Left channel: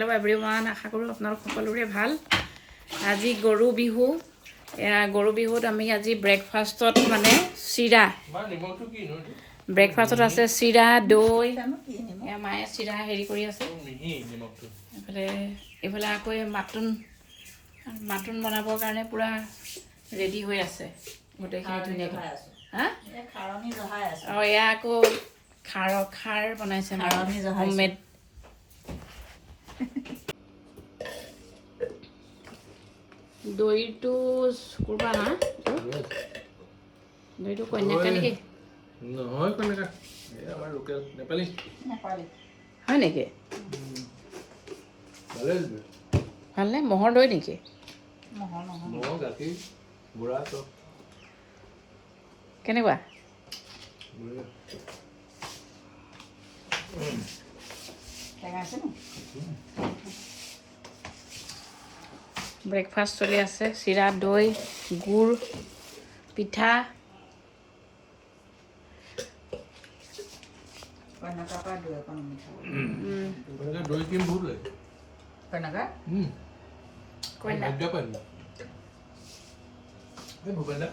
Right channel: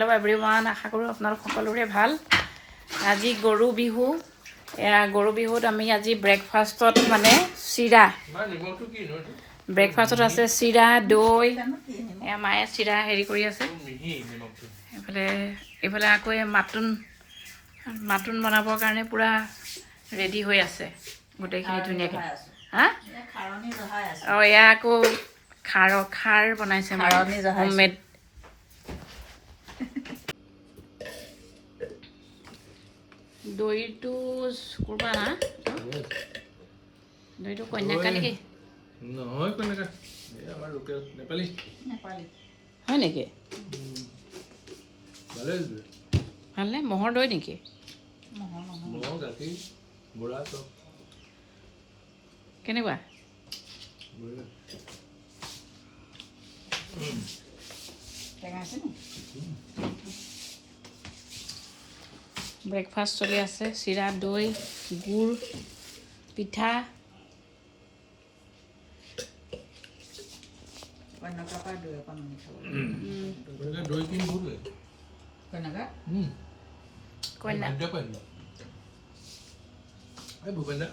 Hello' everyone, আশা কৰোঁ আপোনালোক সকলোৰে ভাল। আজি গৰু বিহু। গৰু বিহুত আমি আজি ব্ৰেকফাষ্টত মানে চিৰা, ব্ৰেকফাষ্টত আছে চিৰা, দৈ। মায়ে চিৰা হেৰি কৰি আছে। এইফালে আকৌ মাটন বনাবৰ কাৰণে পূৰা ৰেডি হৈ আছে গোটেইখিনি ধুনীয়াকৈ। হা? অঁ, এয়া আকৌ খাৰ বনাইছে হোমমেড। দৈটো শুকুৰবাৰ না? দৈটো কন্যাকা নেকি? নহয় কন্যাকা, আমাৰ লোকেল নেপালী হয় নেকি? ভালনে? ম'হৰ দৈ নেকি? ম'হ, গাখীৰ, গুড়া চব কেনেকুৱা? ব্ৰেকফাষ্ট চলি আছে, চিৰা, দৈ, গুড়, পিঠা। দৈ ক্ৰীম বহুত লাগে। কইনা ভূপেন দা